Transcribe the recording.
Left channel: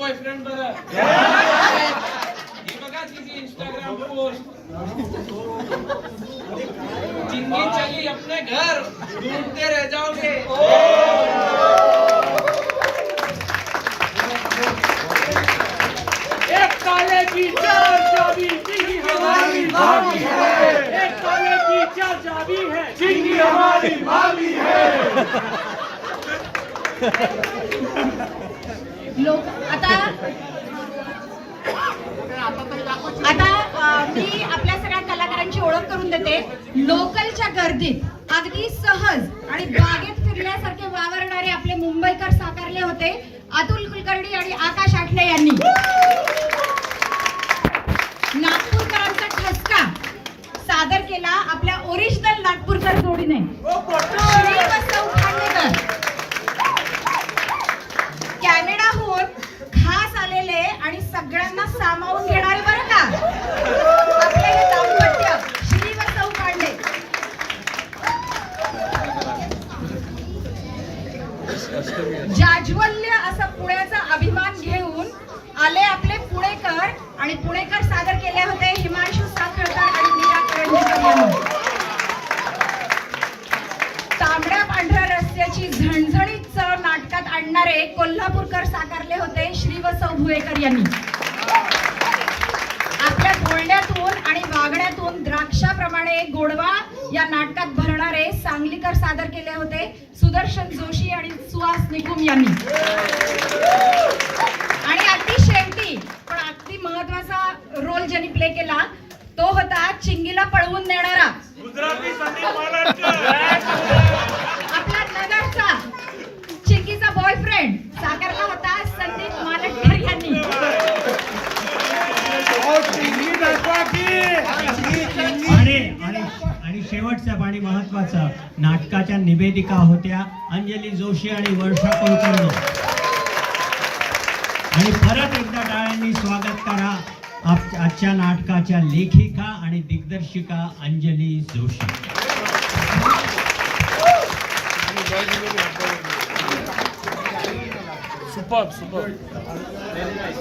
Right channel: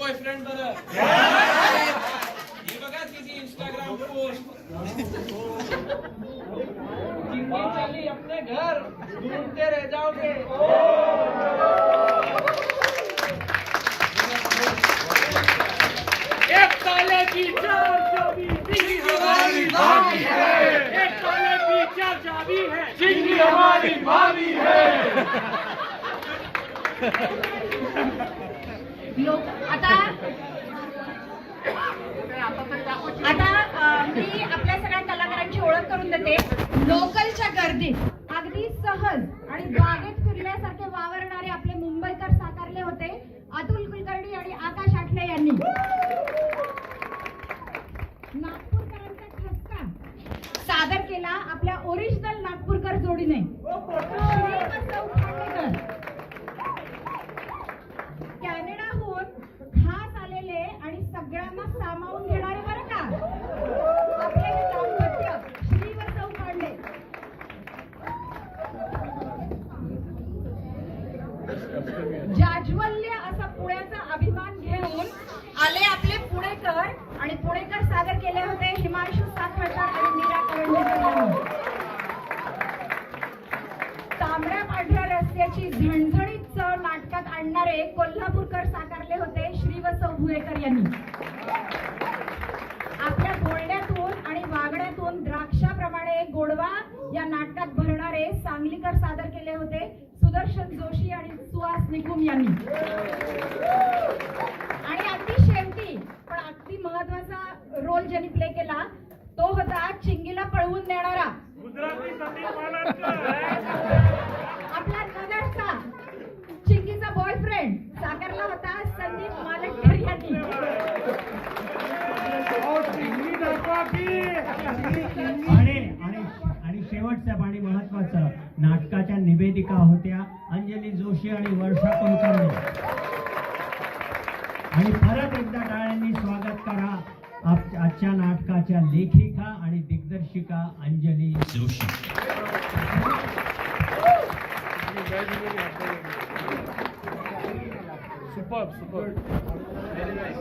Boyfriend बरं हे बघा तिची इंस्टाग्राम पोस्ट जिंदगी चली अपने घर ढूंढते रह जाओगे एक काले की चार चाबी जिंदगी हमारी भाभी है। एक काले की चार चाबी है जिंदगी हमारी भाभी है। लोक आता मी आपल्या सगळ्या कलाकारांची ओळख करून देते. लोकलच्या गर्दीत अगदी सहज आणि बागेत फिरल्यासारखे वावरणारे आपले मुंबईकर साकारले होते अतुल कुलकर्णी आणि आकाश आठले यांनी. नागपूरकरांचा ठसका सादर केला आपल्या ओरिजिनल नागपूरकर जोडीने श्री व सौ खांडेकर. कॅनडाहून खास आलेले आणि सगळ्यांना सामावून घेणारे बरं का आपले हे दाम्पत्य श्री व सौ खांडे. जाज्वल्य असा पुण्याचा अभिमान घेऊन आले आपले पुणेकर आणि पुणेकर सादर केले होते हिमांशू साखळकर आणि मीरा करंदीकर यांनी. तांबड्या पांढऱ्या रस्त्याची झणझणीत चव नाटकात आणणारे कोल्हापूरकर साकारले होते श्री व सौ भुयेकर यांनी. आपल्या बोलण्यातून आणि वागण्यातून द्राक्षाप्रमाणे गोडवा या नाटकात भरणारे सांगलीकर सादर केले होते सुदर्शन जोशी आणि सुहास निकुम यांनी. आणि अगदी शेवटी पण अगदी महत्वाचा रोल ज्यांनी प्ले केला तो होता चिंगीला पळवून देणारा आपला नगरचा चिंगीचा बॉयफ्रेंड साकारला होता संदीप मालटकर यांनी. आणि शेवटचं आणि महत्वाचं नाटकाच्या निवेदिका होत्या अंजली जोशी आणि वर्षा कुलकर्णी. आणि परत एकदा टाळ्यांनी स्वागत करा आजच्या नाटकाच्या लेखिका आणि दिग्दर्शिका अंजली जोशी. Super super.